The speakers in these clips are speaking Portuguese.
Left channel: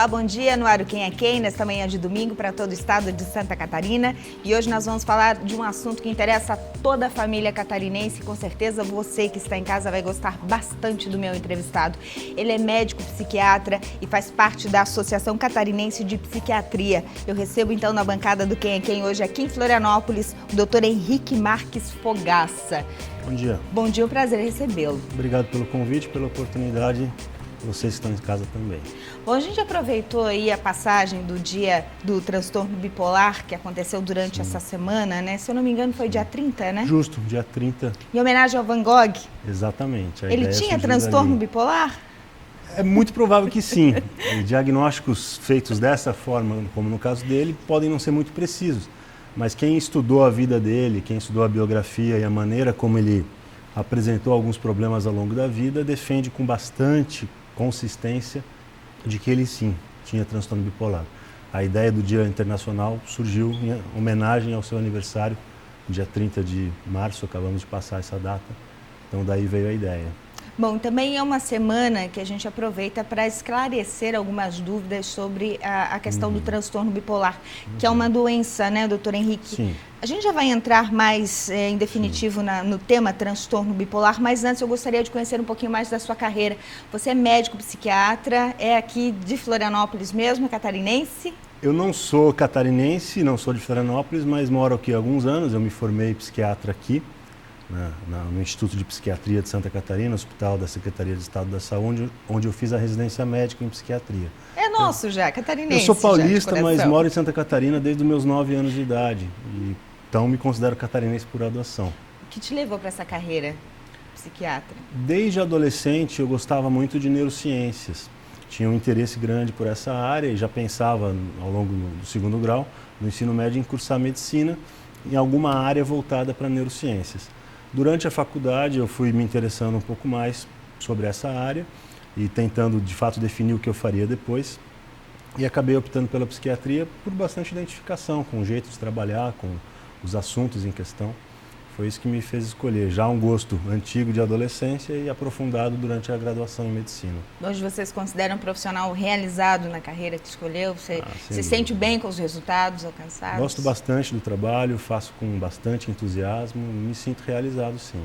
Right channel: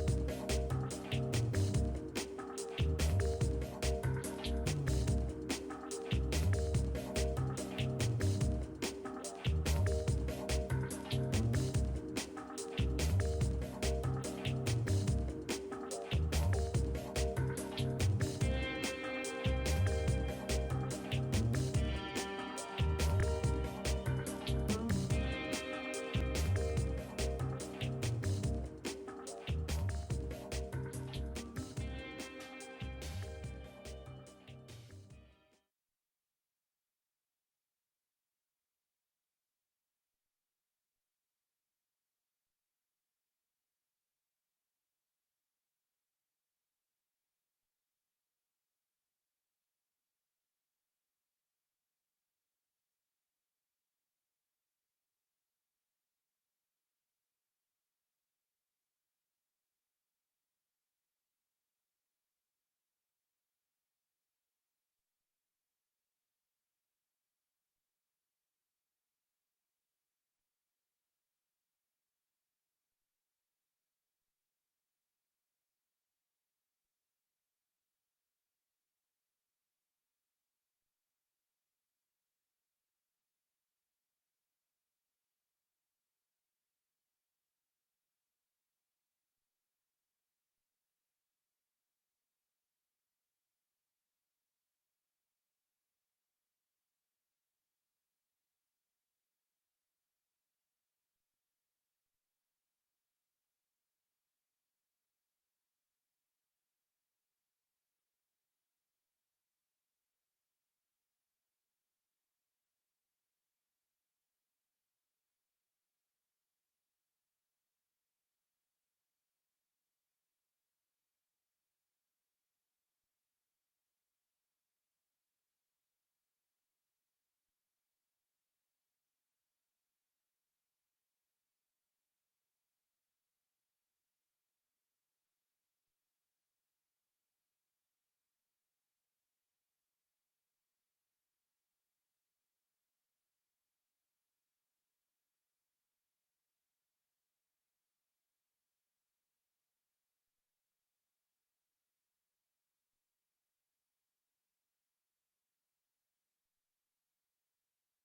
Olá, bom dia, no ar o Quem é Quem, nesta manhã de domingo para todo o estado de Santa Catarina. E hoje nós vamos falar de um assunto que interessa a toda a família catarinense. Com certeza você que está em casa vai gostar bastante do meu entrevistado. Ele é médico psiquiatra e faz parte da Associação Catarinense de Psiquiatria. Eu recebo então na bancada do Quem é Quem hoje aqui em Florianópolis o Dr. Henrique Marques Fogaça. Bom dia. Bom dia, um prazer recebê-lo. Obrigado pelo convite, pela oportunidade. Vocês que estão em casa também. Bom, a gente aproveitou aí a passagem do dia do transtorno bipolar que aconteceu durante essa semana, né? Se eu não me engano foi dia 30, né? Justo, dia 30. Em homenagem ao Van Gogh. Exatamente. Ele tinha transtorno bipolar? É muito provável que sim. Diagnósticos feitos dessa forma, como no caso dele, podem não ser muito precisos. Mas quem estudou a vida dele, quem estudou a biografia e a maneira como ele apresentou alguns problemas ao longo da vida, defende com bastante consistência de que ele sim tinha transtorno bipolar. A ideia do Dia Internacional surgiu em homenagem ao seu aniversário, dia 30 de março, acabamos de passar essa data, então daí veio a ideia. Bom, também é uma semana que a gente aproveita para esclarecer algumas dúvidas sobre a questão do transtorno bipolar, que é uma doença, né, doutor Henrique? Sim. A gente já vai entrar mais em definitivo no tema transtorno bipolar, mas antes eu gostaria de conhecer um pouquinho mais da sua carreira. Você é médico psiquiatra, é aqui de Florianópolis mesmo, é catarinense? Eu não sou catarinense, não sou de Florianópolis, mas moro aqui há alguns anos. Eu me formei psiquiatra aqui, no Instituto de Psiquiatria de Santa Catarina, Hospital da Secretaria de Estado da Saúde, onde eu fiz a residência médica em psiquiatria. É nosso já, catarinense. Eu sou paulista, já, mas moro em Santa Catarina desde os meus 9 anos de idade. Então me considero catarinense por adoção. O que te levou para essa carreira psiquiatra? Desde adolescente eu gostava muito de neurociências. Tinha um interesse grande por essa área e já pensava ao longo do segundo grau, no ensino médio, em cursar medicina em alguma área voltada para neurociências. Durante a faculdade eu fui me interessando um pouco mais sobre essa área e tentando de fato definir o que eu faria depois. E acabei optando pela psiquiatria por bastante identificação com o jeito de trabalhar, com os assuntos em questão. Foi isso que me fez escolher. Já um gosto antigo de adolescência e aprofundado durante a graduação em medicina. Hoje você se considera um profissional realizado na carreira que escolheu? Você se sente bem com os resultados alcançados? Gosto bastante do trabalho, faço com bastante entusiasmo, me sinto realizado sim.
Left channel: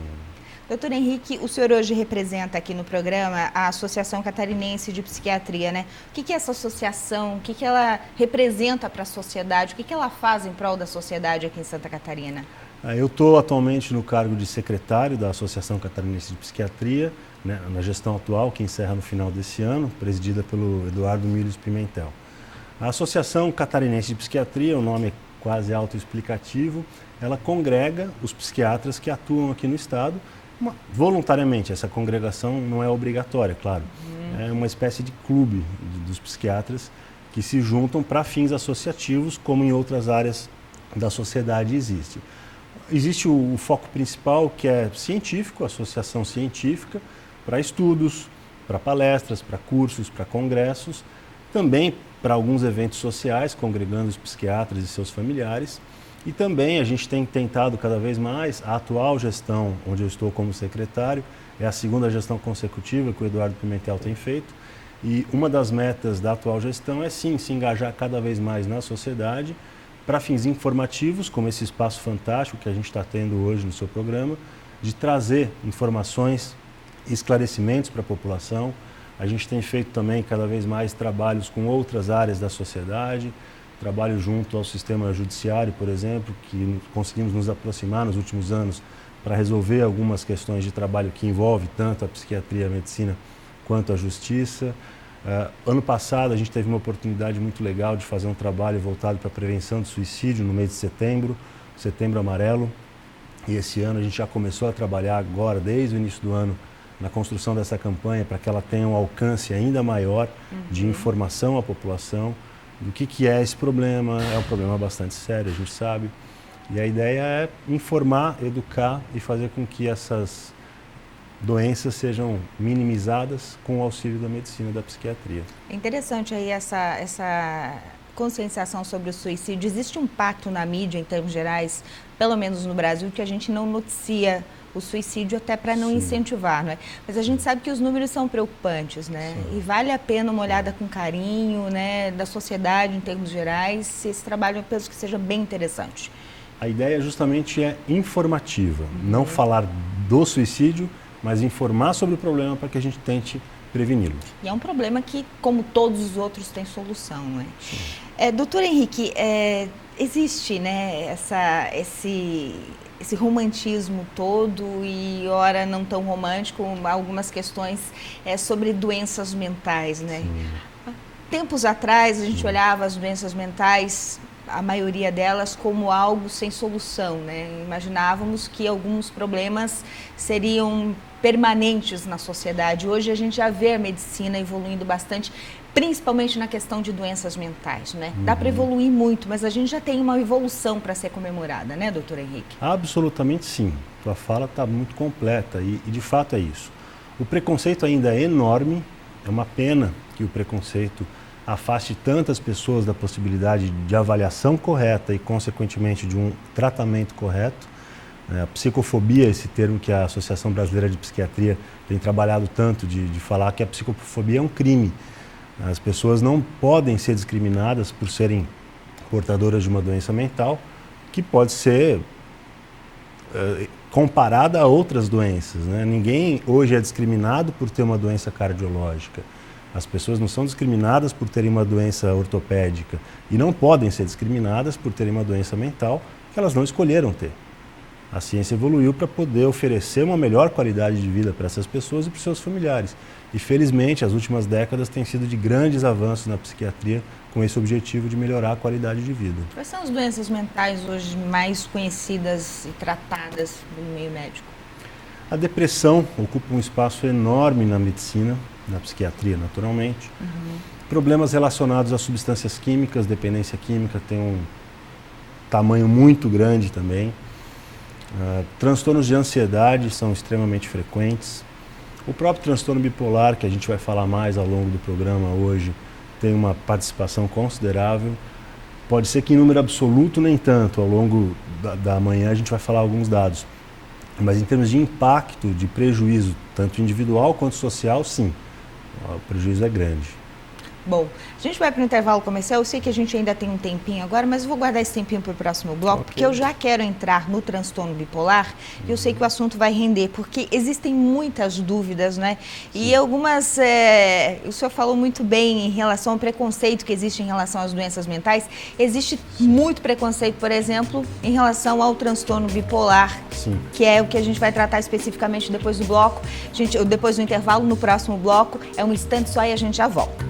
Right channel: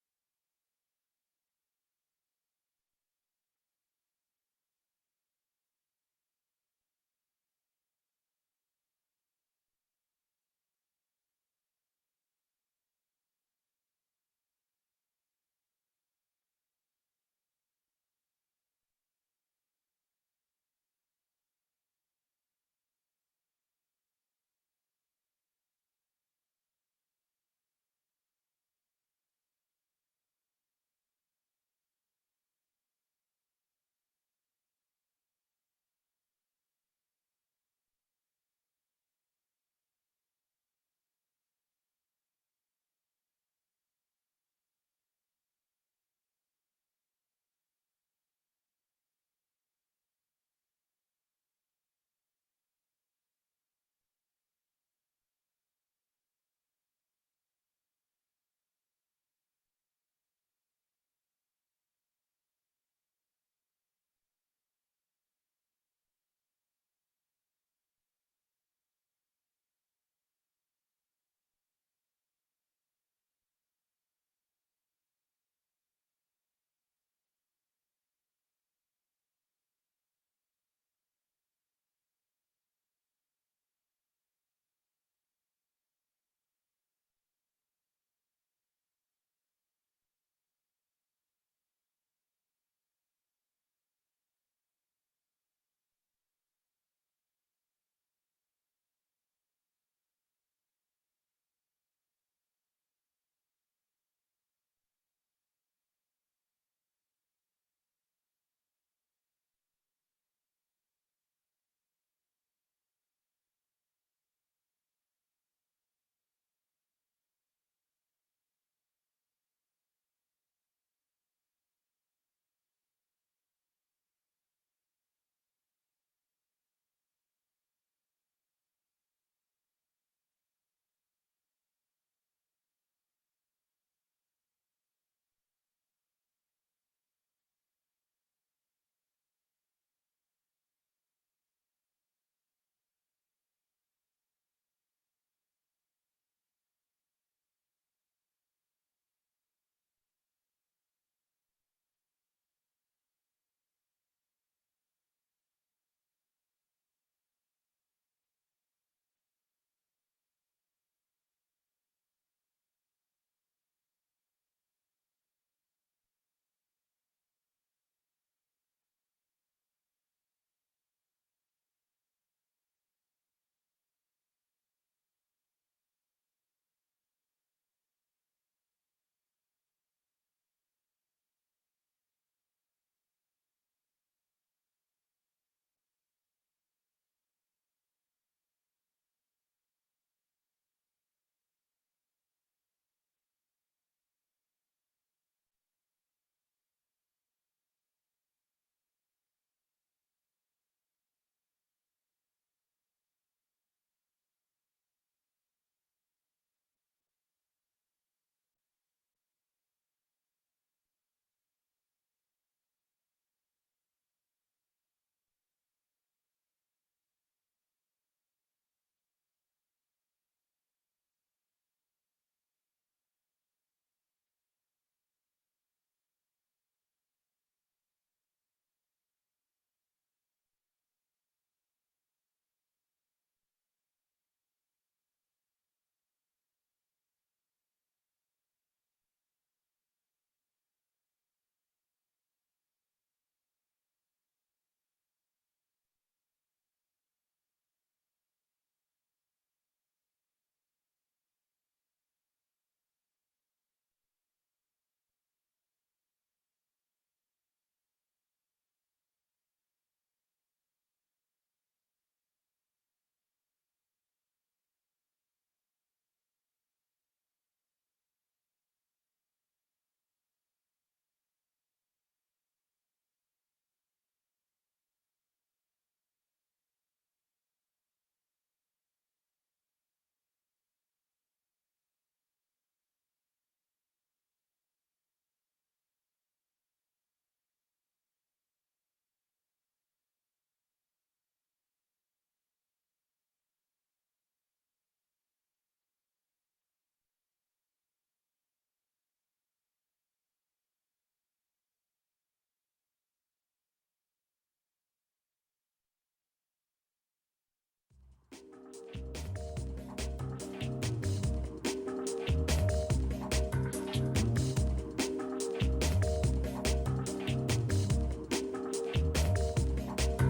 Doutor Henrique, o senhor hoje representa aqui no programa a Associação Catarinense de Psiquiatria, né? O que é essa associação? O que ela representa para a sociedade? O que ela faz em prol da sociedade aqui em Santa Catarina? Eu estou atualmente no cargo de secretário da Associação Catarinense de Psiquiatria, né, na gestão atual, que encerra no final desse ano, presidida pelo Eduardo Milhos Pimentel. A Associação Catarinense de Psiquiatria, o nome é quase autoexplicativo, ela congrega os psiquiatras que atuam aqui no estado, voluntariamente. Essa congregação não é obrigatória, claro. É uma espécie de clube dos psiquiatras que se juntam para fins associativos, como em outras áreas da sociedade existe. Existe o foco principal, que é científico, associação científica, para estudos, para palestras, para cursos, para congressos, também para alguns eventos sociais, congregando os psiquiatras e seus familiares. E também a gente tem tentado cada vez mais, a atual gestão, onde eu estou como secretário, é a segunda gestão consecutiva que o Eduardo Pimentel tem feito. E uma das metas da atual gestão é sim, se engajar cada vez mais na sociedade, para fins informativos, como esse espaço fantástico que a gente está tendo hoje no seu programa, de trazer informações e esclarecimentos para a população. A gente tem feito também cada vez mais trabalhos com outras áreas da sociedade, trabalho junto ao sistema judiciário, por exemplo, que conseguimos nos aproximar nos últimos anos para resolver algumas questões de trabalho que envolvem tanto a psiquiatria e a medicina quanto a justiça. Ano passado a gente teve uma oportunidade muito legal de fazer um trabalho voltado para a prevenção do suicídio no mês de setembro, Setembro Amarelo. E esse ano a gente já começou a trabalhar agora, desde o início do ano, na construção dessa campanha para que ela tenha um alcance ainda maior de informação à população do que é esse problema. É um problema bastante sério, a gente sabe. E a ideia é informar, educar e fazer com que essas doenças sejam minimizadas com o auxílio da medicina e da psiquiatria. É interessante aí essa conscientização sobre o suicídio. Existe um pacto na mídia, em termos gerais, pelo menos no Brasil, que a gente não noticia o suicídio até para não incentivar, não é? Mas a gente sabe que os números são preocupantes, né? E vale a pena uma olhada com carinho, né, da sociedade em termos gerais. Esse trabalho eu penso que seja bem interessante. A ideia justamente é informativa, não falar do suicídio, mas informar sobre o problema para que a gente tente preveni-lo. E é um problema que, como todos os outros, tem solução, não é? Doutor Henrique, existe, né, esse romantismo todo e, ora, não tão romântico, algumas questões sobre doenças mentais, né? Tempos atrás, a gente olhava as doenças mentais, a maioria delas, como algo sem solução, né? Imaginávamos que alguns problemas seriam permanentes na sociedade. Hoje a gente já vê a medicina evoluindo bastante, principalmente na questão de doenças mentais, né? Dá para evoluir muito, mas a gente já tem uma evolução para ser comemorada, né, doutor Henrique? Absolutamente sim. Sua fala está muito completa e de fato é isso. O preconceito ainda é enorme, é uma pena que o preconceito afaste tantas pessoas da possibilidade de avaliação correta e, consequentemente, de um tratamento correto. A psicofobia, esse termo que a Associação Brasileira de Psiquiatria tem trabalhado tanto de falar que a psicofobia é um crime. As pessoas não podem ser discriminadas por serem portadoras de uma doença mental que pode ser comparada a outras doenças, né? Ninguém hoje é discriminado por ter uma doença cardiológica. As pessoas não são discriminadas por terem uma doença ortopédica e não podem ser discriminadas por terem uma doença mental que elas não escolheram ter. A ciência evoluiu para poder oferecer uma melhor qualidade de vida para essas pessoas e para os seus familiares. E, felizmente, as últimas décadas têm sido de grandes avanços na psiquiatria com esse objetivo de melhorar a qualidade de vida. Quais são as doenças mentais hoje mais conhecidas e tratadas no meio médico? A depressão ocupa um espaço enorme na medicina, na psiquiatria, naturalmente. Problemas relacionados a substâncias químicas, dependência química tem um tamanho muito grande também. Transtornos de ansiedade são extremamente frequentes. O próprio transtorno bipolar, que a gente vai falar mais ao longo do programa hoje, tem uma participação considerável. Pode ser que em número absoluto nem tanto, ao longo da manhã a gente vai falar alguns dados. Mas em termos de impacto, de prejuízo, tanto individual quanto social, sim, o prejuízo é grande. Bom, a gente vai para o intervalo comercial. Eu sei que a gente ainda tem um tempinho agora, mas eu vou guardar esse tempinho para o próximo bloco, porque eu já quero entrar no transtorno bipolar e eu sei que o assunto vai render, porque existem muitas dúvidas, né? E algumas, o senhor falou muito bem em relação ao preconceito que existe em relação às doenças mentais. Existe muito preconceito, por exemplo, em relação ao transtorno bipolar, que é o que a gente vai tratar especificamente depois do bloco. Depois do intervalo, no próximo bloco. É um instante só e a gente já volta.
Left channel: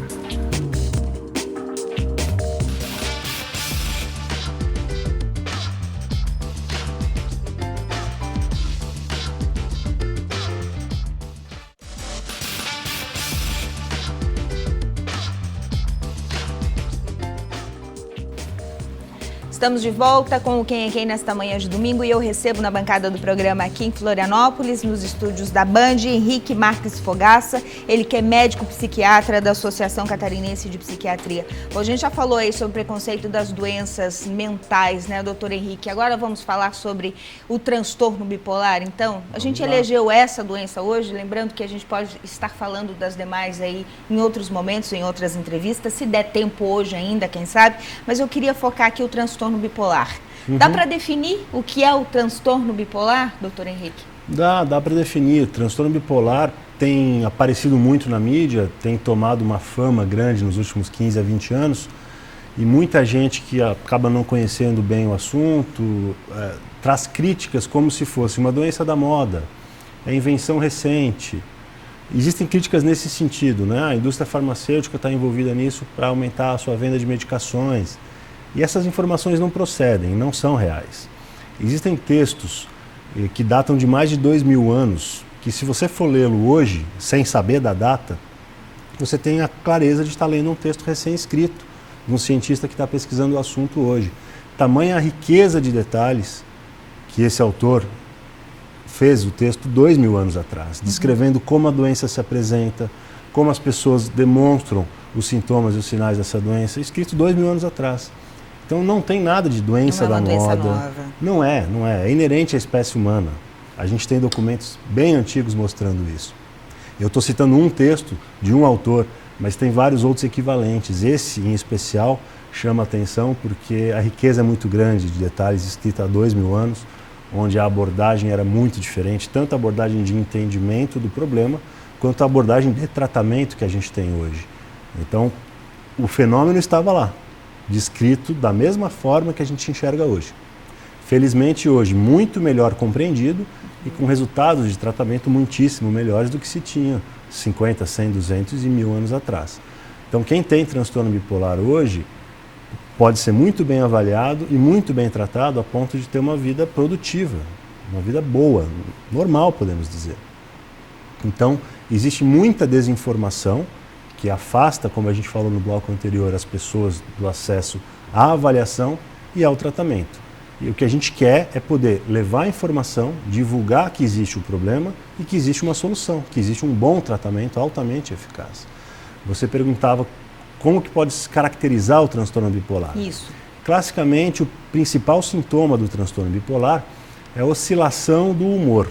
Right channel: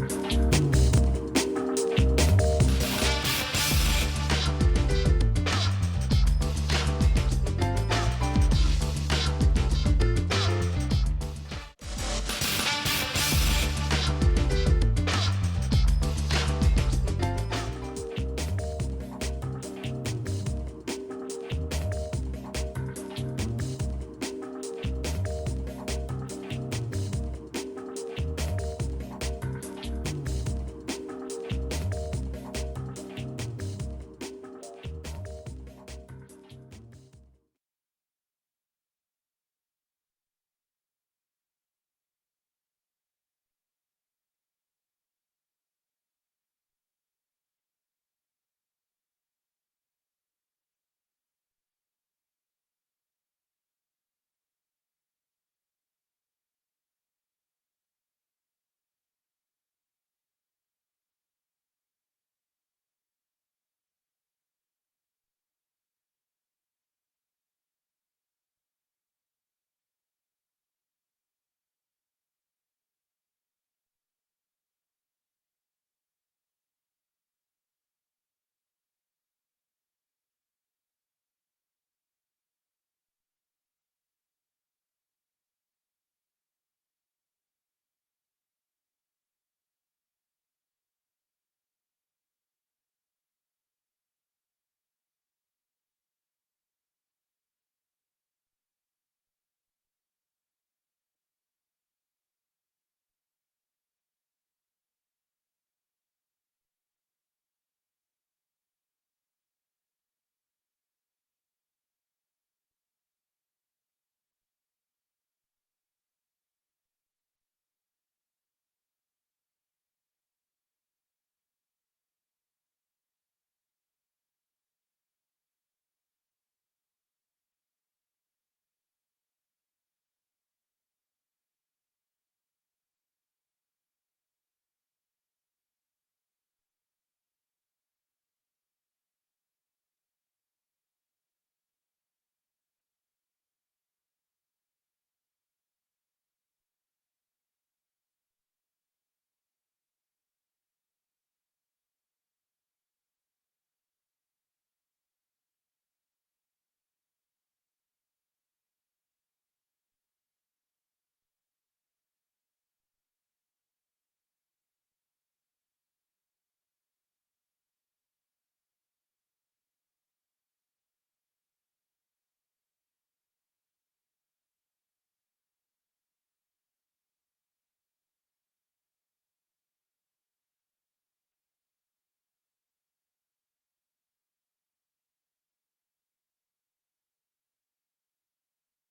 Estamos de volta com o Quem é Quem nesta manhã de domingo e eu recebo na bancada do programa aqui em Florianópolis, nos estúdios da Band, Henrique Marques Fogaça, ele que é médico psiquiatra da Associação Catarinense de Psiquiatria. Bom, a gente já falou aí sobre o preconceito das doenças mentais, né, doutor Henrique? Agora vamos falar sobre o transtorno bipolar. Então, a gente elegeu essa doença hoje, lembrando que a gente pode estar falando das demais aí em outros momentos, em outras entrevistas, se der tempo hoje ainda, quem sabe, mas eu queria focar aqui o transtorno bipolar. Dá para definir o que é o transtorno bipolar, doutor Henrique? Dá para definir. O transtorno bipolar tem aparecido muito na mídia, tem tomado uma fama grande nos últimos 15 a 20 anos e muita gente que acaba não conhecendo bem o assunto traz críticas como se fosse uma doença da moda, é invenção recente. Existem críticas nesse sentido, né? A indústria farmacêutica está envolvida nisso para aumentar a sua venda de medicações. E essas informações não procedem, não são reais. Existem textos que datam de mais de 2.000 anos, que se você for lê-lo hoje, sem saber da data, você tem a clareza de estar lendo um texto recém-escrito, de um cientista que está pesquisando o assunto hoje. Tamanha a riqueza de detalhes que esse autor fez o texto 2.000 anos atrás, descrevendo como a doença se apresenta, como as pessoas demonstram os sintomas e os sinais dessa doença, escrito 2.000 anos atrás. Então não tem nada de doença da moda. Nova. Não é. É inerente à espécie humana. A gente tem documentos bem antigos mostrando isso. Eu estou citando um texto de um autor, mas tem vários outros equivalentes. Esse, em especial, chama atenção porque a riqueza é muito grande de detalhes, escrita há 2000 anos, onde a abordagem era muito diferente, tanto a abordagem de entendimento do problema, quanto a abordagem de tratamento que a gente tem hoje. Então, o fenômeno estava lá, descrito da mesma forma que a gente enxerga hoje. Felizmente, hoje, muito melhor compreendido e com resultados de tratamento muitíssimo melhores do que se tinha 50, 100, 200 e 1000 anos atrás. Então, quem tem transtorno bipolar hoje pode ser muito bem avaliado e muito bem tratado a ponto de ter uma vida produtiva, uma vida boa, normal, podemos dizer. Então, existe muita desinformação que afasta, como a gente falou no bloco anterior, as pessoas do acesso à avaliação e ao tratamento. E o que a gente quer é poder levar a informação, divulgar que existe o problema e que existe uma solução, que existe um bom tratamento altamente eficaz. Você perguntava como que pode se caracterizar o transtorno bipolar. Isso. Classicamente, o principal sintoma do transtorno bipolar é a oscilação do humor.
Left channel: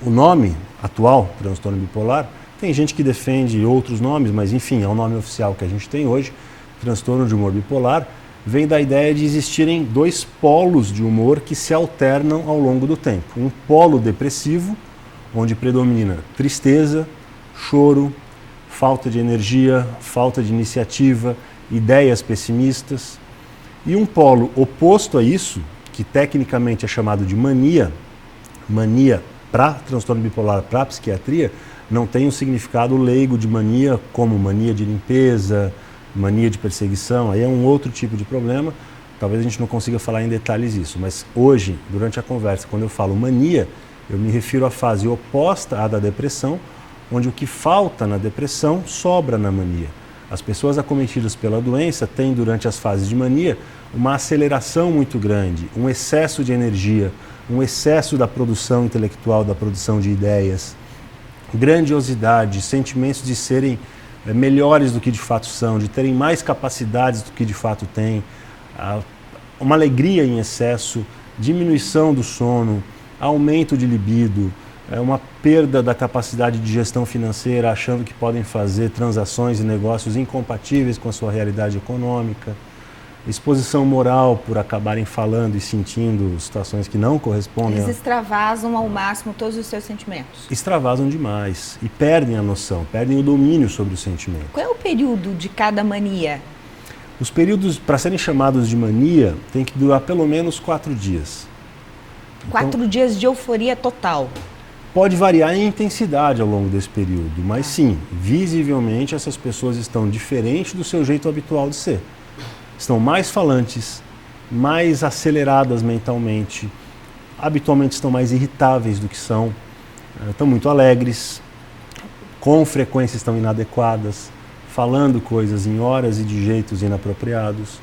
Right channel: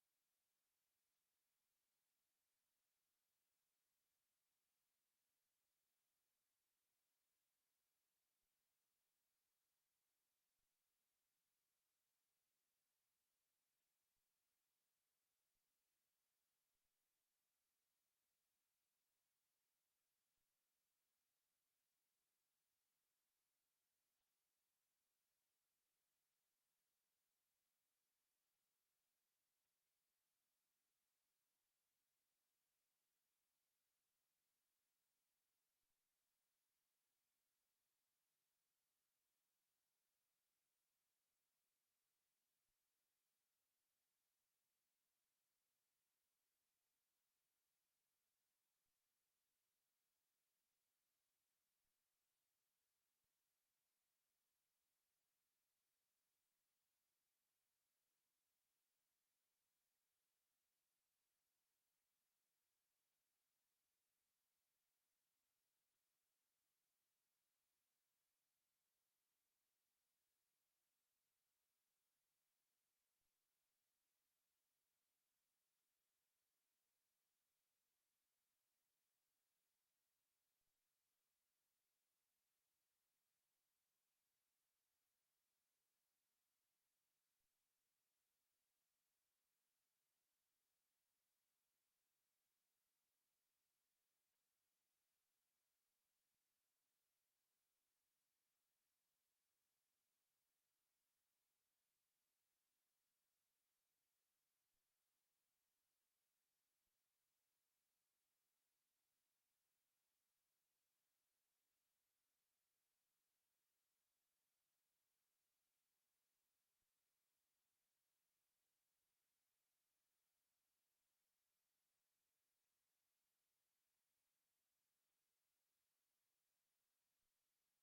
O nome atual, transtorno bipolar, tem gente que defende outros nomes, mas enfim, é o nome oficial que a gente tem hoje, transtorno de humor bipolar, vem da ideia de existirem dois polos de humor que se alternam ao longo do tempo. Um polo depressivo, onde predomina tristeza, choro, falta de energia, falta de iniciativa, ideias pessimistas. E um polo oposto a isso, que tecnicamente é chamado de mania, mania para transtorno bipolar, para psiquiatria, não tem um significado leigo de mania como mania de limpeza, mania de perseguição, aí é um outro tipo de problema, talvez a gente não consiga falar em detalhes isso, mas hoje, durante a conversa, quando eu falo mania, eu me refiro à fase oposta à da depressão, onde o que falta na depressão sobra na mania. As pessoas acometidas pela doença têm, durante as fases de mania, uma aceleração muito grande, um excesso de energia, um excesso da produção intelectual, da produção de ideias, grandiosidade, sentimentos de serem melhores do que de fato são, de terem mais capacidades do que de fato têm, uma alegria em excesso, diminuição do sono, aumento de libido, uma perda da capacidade de gestão financeira, achando que podem fazer transações e negócios incompatíveis com a sua realidade econômica, exposição moral por acabarem falando e sentindo situações que não correspondem. Eles extravasam ao máximo todos os seus sentimentos. Extravasam demais e perdem a noção, perdem o domínio sobre o sentimento. Qual é o período de cada mania? Os períodos, para serem chamados de mania, tem que durar pelo menos 4 dias. 4 dias de euforia total. Pode variar em intensidade ao longo desse período, mas sim, visivelmente essas pessoas estão diferentes do seu jeito habitual de ser. Estão mais falantes, mais aceleradas mentalmente, habitualmente estão mais irritáveis do que são, estão muito alegres, com frequência estão inadequadas, falando coisas em horas e de jeitos inapropriados,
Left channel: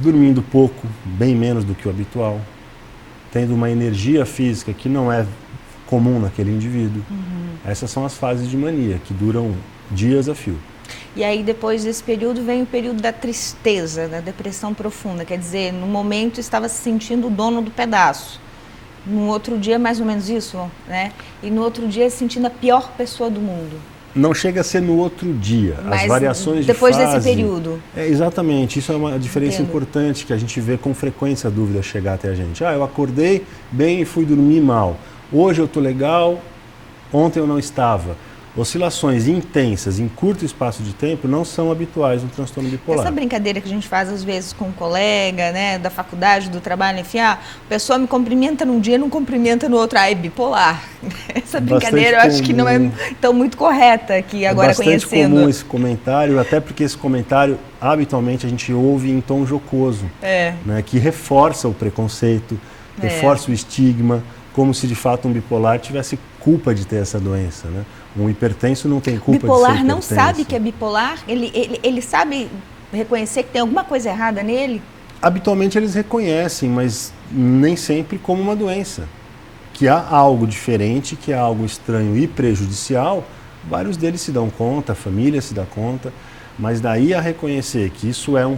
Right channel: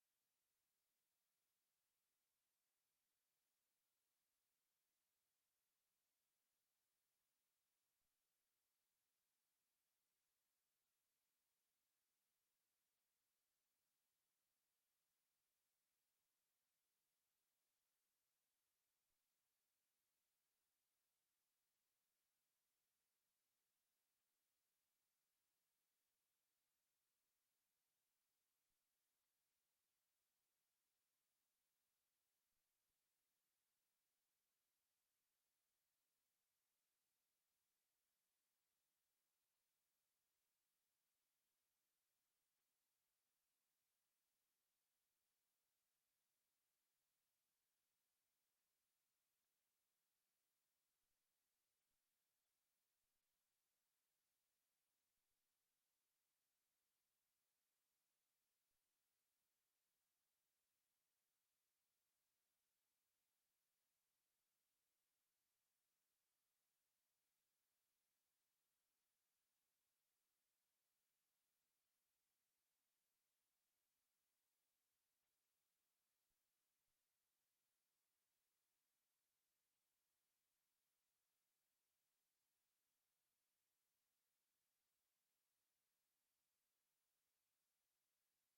dormindo pouco, bem menos do que o habitual, tendo uma energia física que não é comum naquele indivíduo. Essas são as fases de mania, que duram dias a fio. E aí, depois desse período, vem o período da tristeza, da depressão profunda. Quer dizer, no momento estava se sentindo o dono do pedaço. No outro dia, mais ou menos isso, né? E no outro dia, se sentindo a pior pessoa do mundo. Não chega a ser no outro dia. Mas as variações depois de fase... desse período. Exatamente. Isso é uma diferença Entendo. Importante que a gente vê com frequência a dúvida chegar até a gente. Eu acordei bem e fui dormir mal. Hoje eu estou legal, ontem eu não estava. Oscilações intensas em curto espaço de tempo não são habituais no transtorno bipolar. Essa brincadeira que a gente faz às vezes com um colega, né, da faculdade, do trabalho, enfim, a pessoa me cumprimenta num dia, não cumprimenta no outro, é bipolar. Essa brincadeira eu acho que não é tão muito correta aqui agora conhecendo. É bastante comum esse comentário, até porque esse comentário habitualmente a gente ouve em tom jocoso, né, que reforça o preconceito, reforça o estigma, como se de fato um bipolar tivesse culpa de ter essa doença, né? Um hipertenso não tem culpa de ser hipertenso. Bipolar não sabe que é bipolar? Ele sabe reconhecer que tem alguma coisa errada nele? Habitualmente eles reconhecem, mas nem sempre como uma doença. Que há algo diferente, que há algo estranho e prejudicial, vários deles se dão conta, a família se dá conta, mas daí a reconhecer que isso é um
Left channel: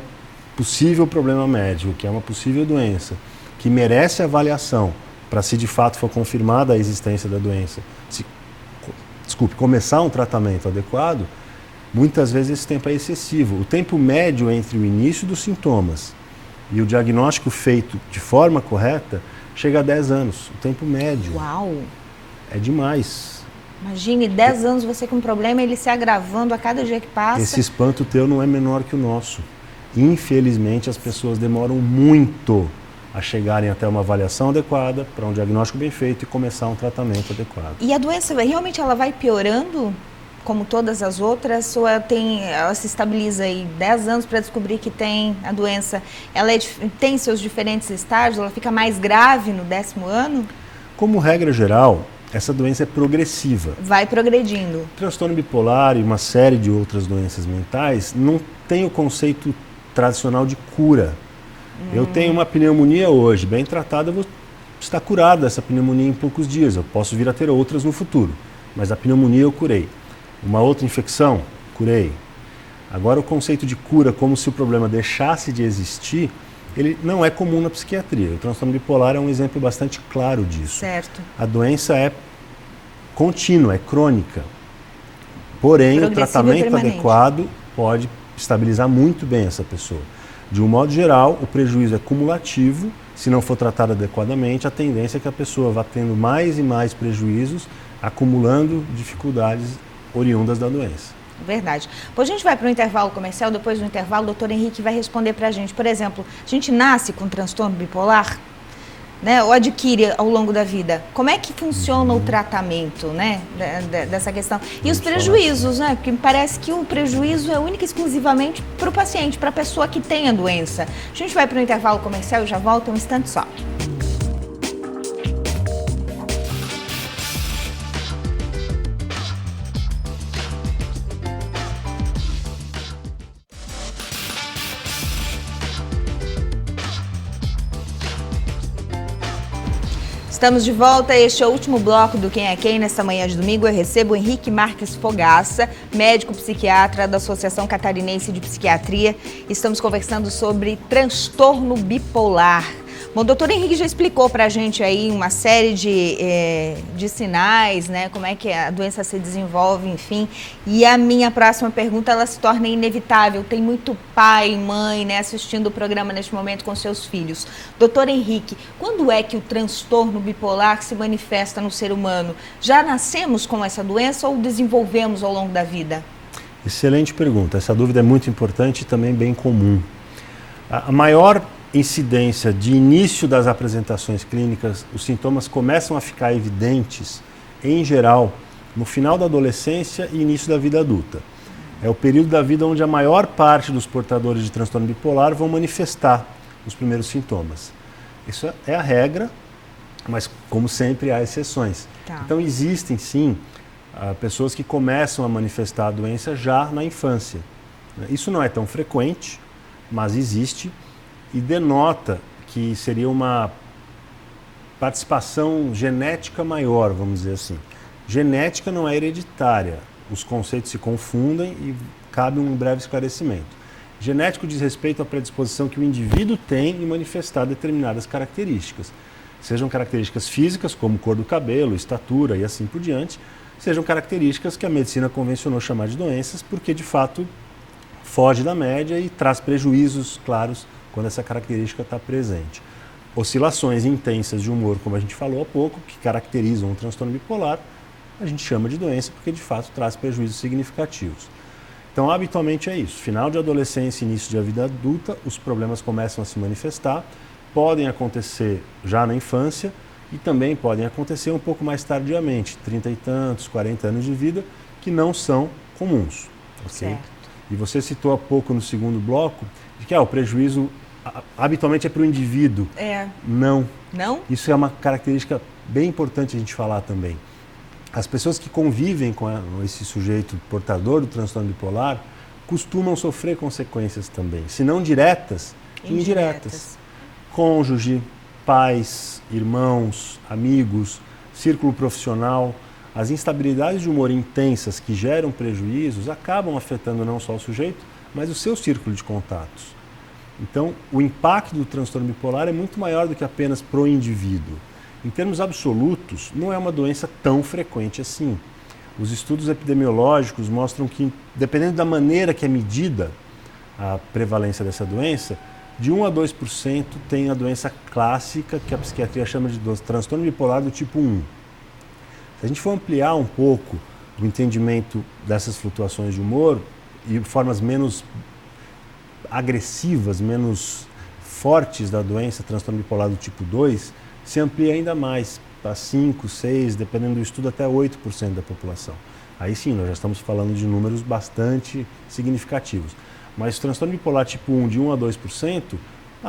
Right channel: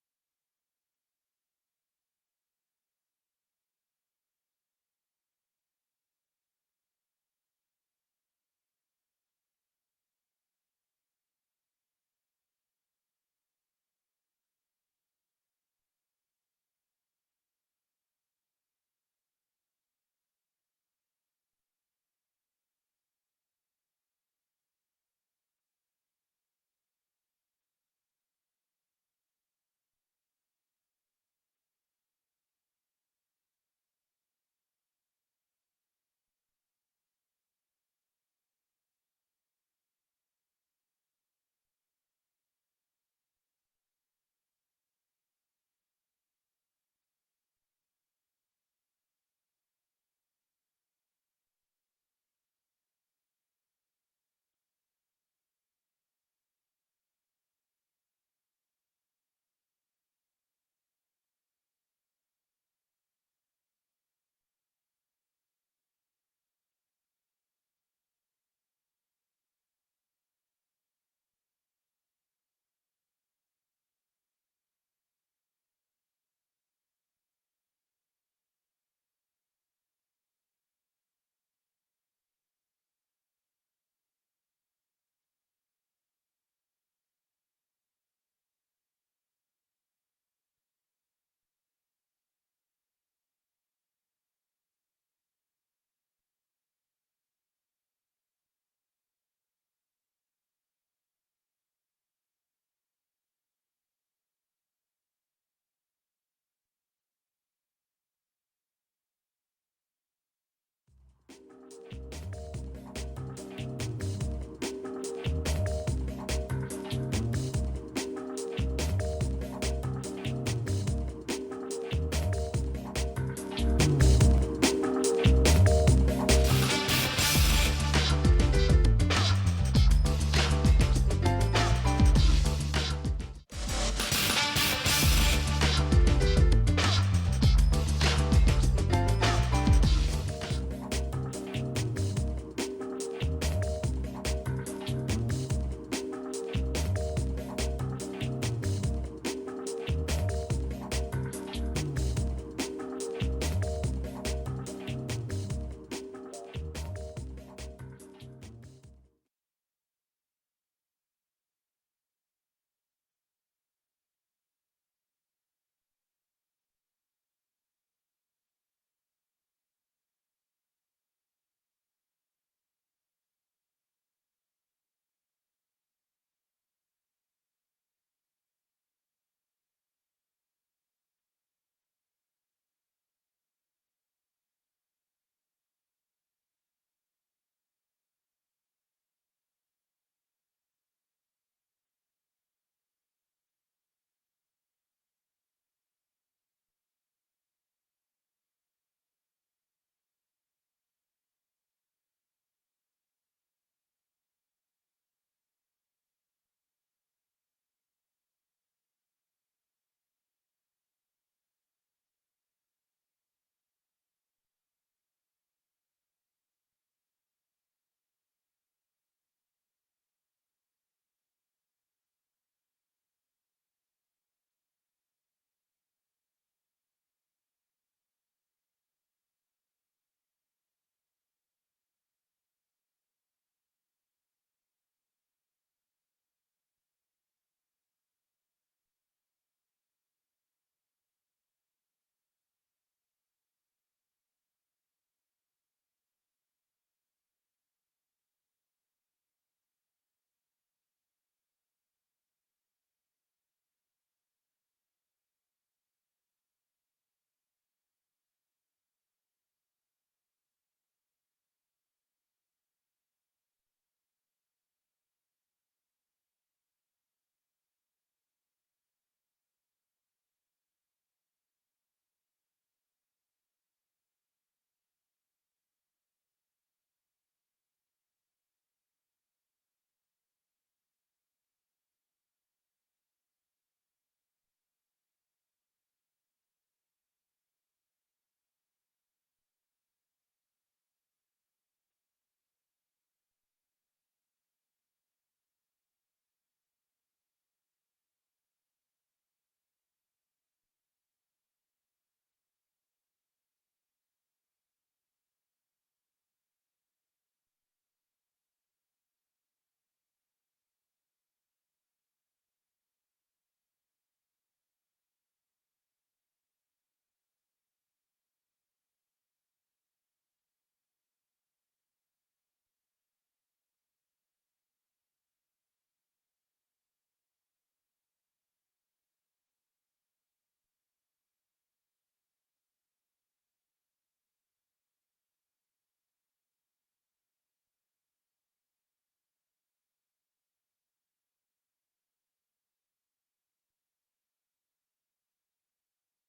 possível problema médico, que é uma possível doença, que merece avaliação para se de fato for confirmada a existência da doença, começar um tratamento adequado, muitas vezes esse tempo é excessivo. O tempo médio entre o início dos sintomas e o diagnóstico feito de forma correta chega a 10 anos. O tempo médio. Uau! É demais. Imagine 10 anos você com um problema, ele se agravando a cada dia que passa. Esse espanto teu não é menor que o nosso. Infelizmente, as pessoas demoram muito a chegarem até uma avaliação adequada, para um diagnóstico bem feito e começar um tratamento adequado. E a doença, realmente ela vai piorando, como todas as outras, ou ela se estabiliza aí 10 anos para descobrir que tem a doença? Ela tem seus diferentes estágios, ela fica mais grave no 10º ano? Como regra geral, essa doença é progressiva. Vai progredindo. O transtorno bipolar e uma série de outras doenças mentais não tem o conceito tradicional de cura. Eu tenho uma pneumonia hoje, bem tratada, eu vou estar curado dessa pneumonia em poucos dias. Eu posso vir a ter outras no futuro, mas a pneumonia eu curei. Uma outra infecção, curei. Agora, o conceito de cura, como se o problema deixasse de existir, ele não é comum na psiquiatria. O transtorno bipolar é um exemplo bastante claro disso. Certo. A doença é contínua, é crônica. Porém, o tratamento adequado pode estabilizar muito bem essa pessoa. De um modo geral, o prejuízo é cumulativo. Se não for tratado adequadamente, a tendência é que a pessoa vá tendo mais e mais prejuízos, acumulando dificuldades oriundas da doença. Verdade. Pois a gente vai para o intervalo comercial, depois do intervalo o doutor Henrique vai responder para a gente. Por exemplo, a gente nasce com transtorno bipolar, né, ou adquire ao longo da vida. Como é que funciona o tratamento, né, dessa questão? E os prejuízos, né? Porque me parece que o prejuízo é único e exclusivamente para o paciente, para a pessoa que tem a doença. A gente vai para o intervalo comercial e já volta um instante só. Estamos de volta, este é o último bloco do Quem é Quem. Nesta manhã de domingo eu recebo o Henrique Marques Fogaça, médico psiquiatra da Associação Catarinense de Psiquiatria. Estamos conversando sobre transtorno bipolar. Bom, o doutor Henrique já explicou para a gente aí uma série de sinais, né? Como é que a doença se desenvolve, enfim. E a minha próxima pergunta, ela se torna inevitável. Tem muito pai e mãe, né, assistindo o programa neste momento com seus filhos. Doutor Henrique, quando é que o transtorno bipolar se manifesta no ser humano? Já nascemos com essa doença ou desenvolvemos ao longo da vida? Excelente pergunta. Essa dúvida é muito importante e também bem comum. A maior incidência de início das apresentações clínicas, os sintomas começam a ficar evidentes, em geral, no final da adolescência e início da vida adulta. É o período da vida onde a maior parte dos portadores de transtorno bipolar vão manifestar os primeiros sintomas. Isso é a regra, mas como sempre há exceções. Tá. Então existem sim pessoas que começam a manifestar a doença já na infância. Isso não é tão frequente, mas existe. E denota que seria uma participação genética maior, vamos dizer assim. Genética não é hereditária, os conceitos se confundem e cabe um breve esclarecimento. Genético diz respeito à predisposição que o indivíduo tem em manifestar determinadas características, sejam características físicas, como cor do cabelo, estatura e assim por diante, sejam características que a medicina convencionou chamar de doenças, porque de fato foge da média e traz prejuízos claros quando essa característica está presente. Oscilações intensas de humor, como a gente falou há pouco, que caracterizam o transtorno bipolar, a gente chama de doença porque de fato traz prejuízos significativos. Então, habitualmente é isso. Final de adolescência e início da vida adulta, os problemas começam a se manifestar, podem acontecer já na infância e também podem acontecer um pouco mais tardiamente, 30 e tantos, 40 anos de vida, que não são comuns. Okay? Certo. E você citou há pouco no segundo bloco, de que o prejuízo habitualmente é para o indivíduo. Não. Não? Isso é uma característica bem importante a gente falar também. As pessoas que convivem com esse sujeito portador do transtorno bipolar costumam sofrer consequências também, se não diretas, indiretas. Cônjuge, pais, irmãos, amigos, círculo profissional. As instabilidades de humor intensas que geram prejuízos acabam afetando não só o sujeito, mas o seu círculo de contatos. Então, o impacto do transtorno bipolar é muito maior do que apenas para o indivíduo. Em termos absolutos, não é uma doença tão frequente assim. Os estudos epidemiológicos mostram que, dependendo da maneira que é medida a prevalência dessa doença, de 1 a 2% tem a doença clássica, que a psiquiatria chama de transtorno bipolar do tipo 1. Se a gente for ampliar um pouco o entendimento dessas flutuações de humor e formas menos agressivas, menos fortes da doença, transtorno bipolar do tipo 2, se amplia ainda mais, para 5, 6, dependendo do estudo, até 8% da população. Aí sim, nós já estamos falando de números bastante significativos. Mas o transtorno bipolar tipo 1, de 1 a 2%,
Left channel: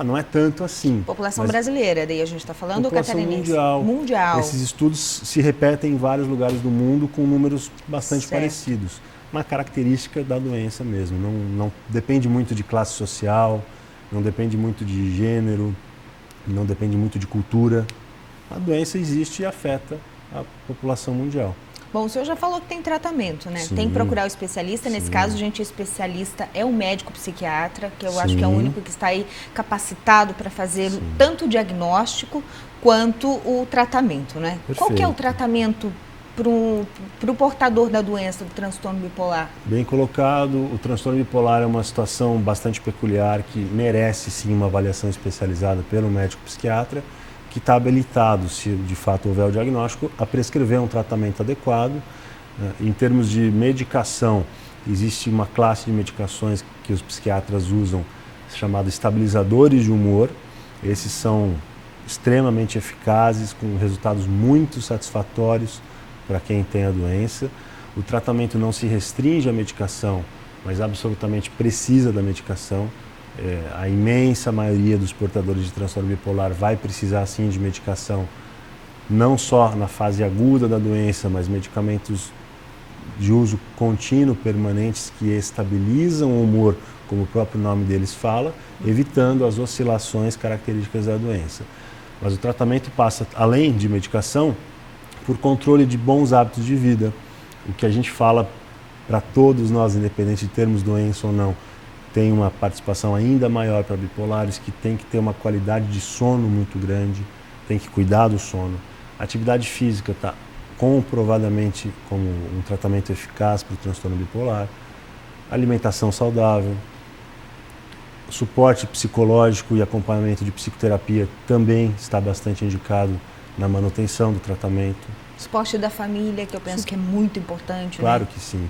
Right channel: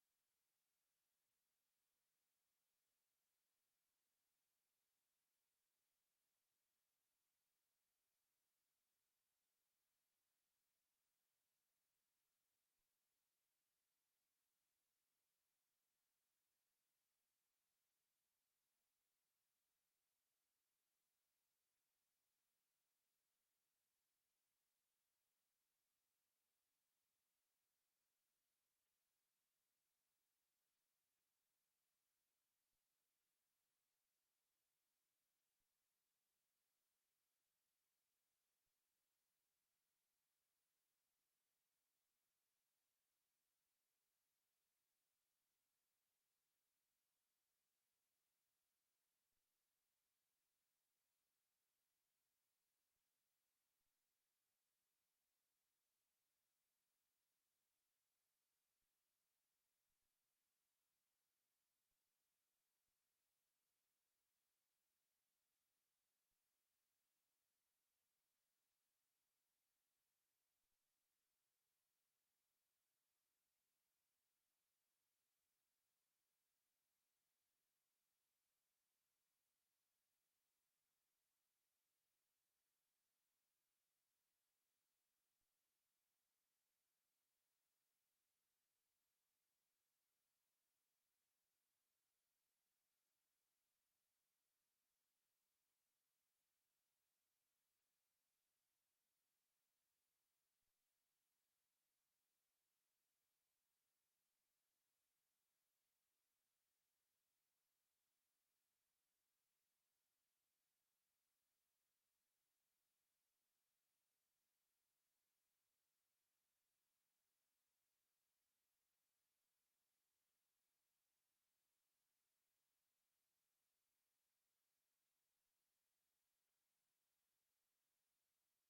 não é tanto assim. População brasileira, daí a gente está falando, ou população catarinense? Mundial. Esses estudos se repetem em vários lugares do mundo com números bastante parecidos. Uma característica da doença mesmo. Não depende muito de classe social, não depende muito de gênero, não depende muito de cultura. A doença existe e afeta a população mundial. Bom, o senhor já falou que tem tratamento, né? Sim, tem que procurar o especialista. sim. Nesse caso, gente, o especialista é o médico psiquiatra, que eu Sim. acho que é o único que está aí capacitado para fazer Sim. tanto o diagnóstico quanto o tratamento, né? Perfeito. Qual que é o tratamento para o portador da doença do transtorno bipolar? Bem colocado, o transtorno bipolar é uma situação bastante peculiar que merece sim uma avaliação especializada pelo médico psiquiatra, que está habilitado, se de fato houver o diagnóstico, a prescrever um tratamento adequado. Em termos de medicação, existe uma classe de medicações que os psiquiatras usam, chamados estabilizadores de humor. Esses são extremamente eficazes, com resultados muito satisfatórios para quem tem a doença. O tratamento não se restringe à medicação, mas absolutamente precisa da medicação. A imensa maioria dos portadores de transtorno bipolar vai precisar sim de medicação, não só na fase aguda da doença, mas medicamentos de uso contínuo, permanentes, que estabilizam o humor, como o próprio nome deles fala, evitando as oscilações características da doença. Mas o tratamento passa, além de medicação, por controle de bons hábitos de vida. O que a gente fala para todos nós, independente de termos doença ou não, tem uma participação ainda maior para bipolares, que tem que ter uma qualidade de sono muito grande, tem que cuidar do sono. A atividade física está comprovadamente como um tratamento eficaz para o transtorno bipolar. Alimentação saudável, suporte psicológico e acompanhamento de psicoterapia também está bastante indicado na manutenção do tratamento. Esporte da família, que eu penso que é muito importante. Claro, né? Que sim.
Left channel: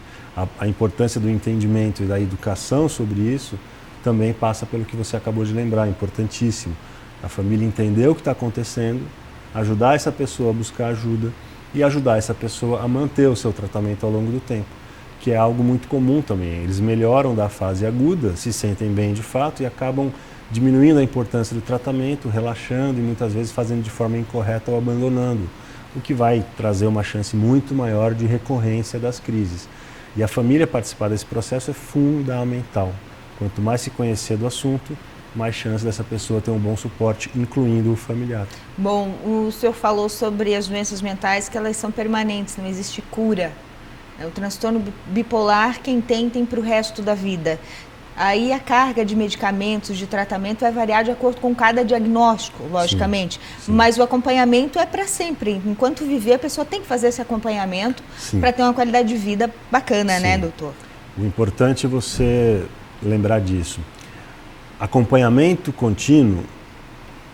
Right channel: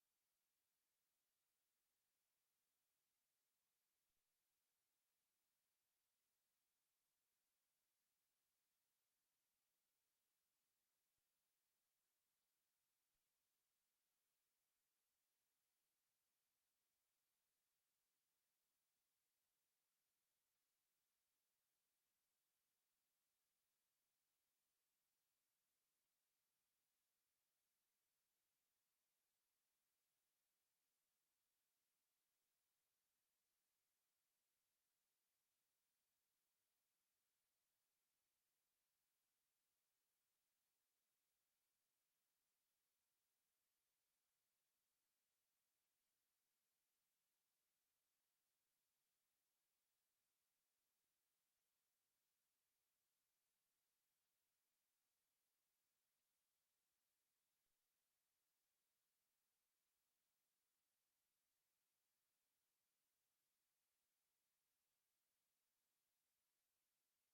A importância do entendimento e da educação sobre isso também passa pelo que você acabou de lembrar, importantíssimo. A família entender o que está acontecendo, ajudar essa pessoa a buscar ajuda e ajudar essa pessoa a manter o seu tratamento ao longo do tempo, que é algo muito comum também. Eles melhoram da fase aguda, se sentem bem de fato e acabam diminuindo a importância do tratamento, relaxando e muitas vezes fazendo de forma incorreta ou abandonando, o que vai trazer uma chance muito maior de recorrência das crises. E a família participar desse processo é fundamental. Quanto mais se conhecer do assunto, mais chance dessa pessoa ter um bom suporte, incluindo o familiar. Bom, o senhor falou sobre as doenças mentais, que elas são permanentes, não existe cura. O transtorno bipolar, quem tem para o resto da vida. Aí a carga de medicamentos, de tratamento vai variar de acordo com cada diagnóstico, logicamente. Sim. Mas o acompanhamento é para sempre. Enquanto viver, a pessoa tem que fazer esse acompanhamento para ter uma qualidade de vida bacana, Sim. né, doutor? O importante é você lembrar disso. Acompanhamento contínuo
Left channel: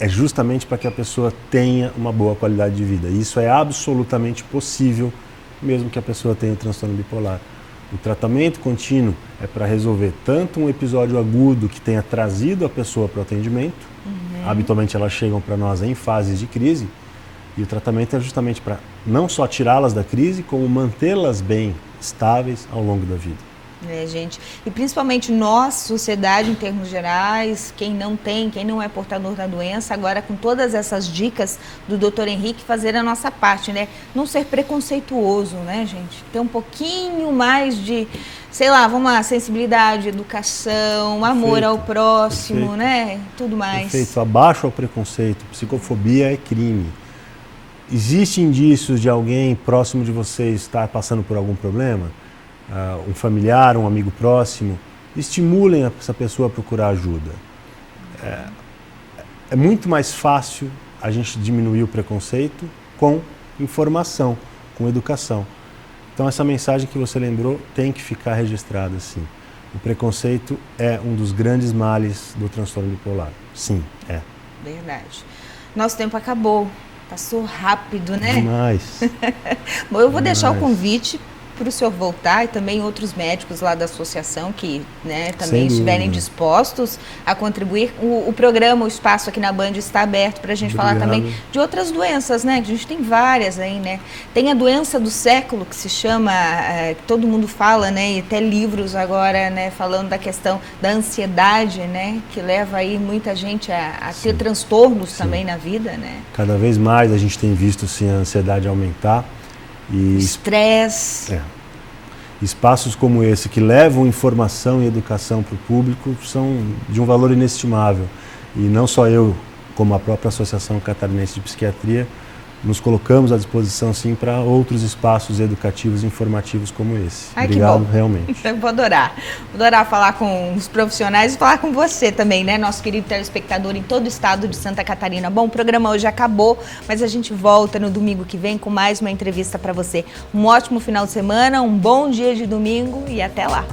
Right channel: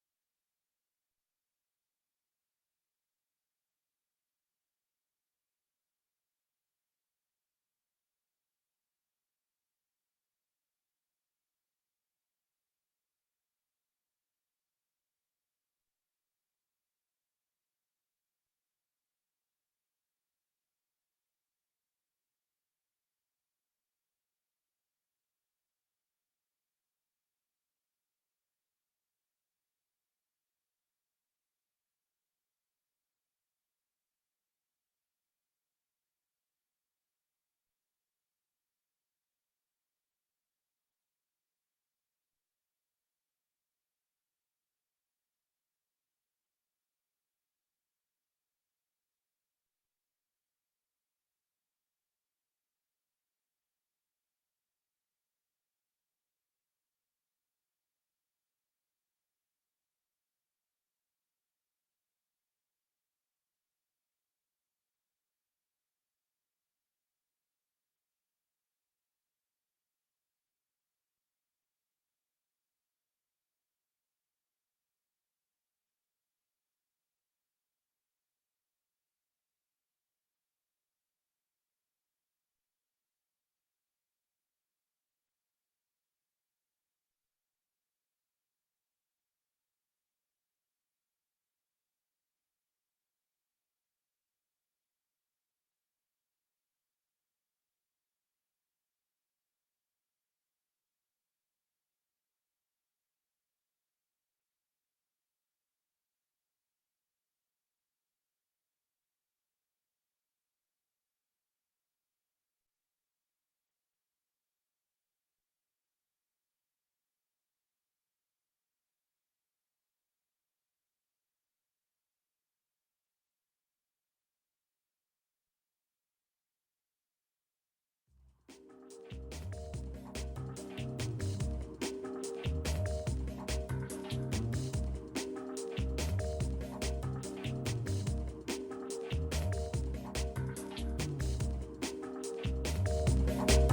é justamente para que a pessoa tenha uma boa qualidade de vida. E isso é absolutamente possível, mesmo que a pessoa tenha transtorno bipolar. O tratamento contínuo é para resolver tanto um episódio agudo que tenha trazido a pessoa para o atendimento, habitualmente elas chegam para nós em fases de crise, e o tratamento é justamente para não só tirá-las da crise, como mantê-las bem estáveis ao longo da vida. Gente, e principalmente nós, sociedade em termos gerais, quem não é portador da doença, agora com todas essas dicas do Dr. Henrique, fazer a nossa parte, né? Não ser preconceituoso, né, gente? Ter um pouquinho mais de, vamos lá, sensibilidade, educação, amor ao próximo, né? Tudo mais. Perfeito, abaixo ao preconceito, psicofobia é crime. Existem indícios de alguém próximo de você estar passando por algum problema? Um familiar, um amigo próximo, estimulem essa pessoa a procurar ajuda. É muito mais fácil a gente diminuir o preconceito com informação, com educação. Então essa mensagem que você lembrou tem que ficar registrada, sim. O preconceito é um dos grandes males do transtorno bipolar. Sim, é. Verdade. Nosso tempo acabou. Passou rápido, né? Demais. Bom, eu vou deixar o convite para o senhor voltar e também outros médicos lá da associação que, né, também estiverem dispostos a contribuir. O programa, o espaço aqui na Band está aberto para a gente falar também de outras doenças, né? A gente tem várias aí, né? Tem a doença do século que se chama, que todo mundo fala, né? E até livros agora, né? Falando da questão da ansiedade, né? Que leva aí muita gente a ter transtornos também na vida, né? Cada vez mais a gente tem visto, sim, a ansiedade aumentar. E estresse. Espaços como esse que levam informação e educação para o público são de um valor inestimável. E não só eu, como a própria Associação Catarinense de Psiquiatria, nos colocamos à disposição, sim, para outros espaços educativos e informativos como esse. Ai, obrigado, que bom. Realmente. Eu vou adorar. Vou adorar falar com os profissionais e falar com você também, né? Nosso querido telespectador em todo o estado de Santa Catarina. Bom, o programa hoje acabou, mas a gente volta no domingo que vem com mais uma entrevista para você. Um ótimo final de semana, um bom dia de domingo e até lá.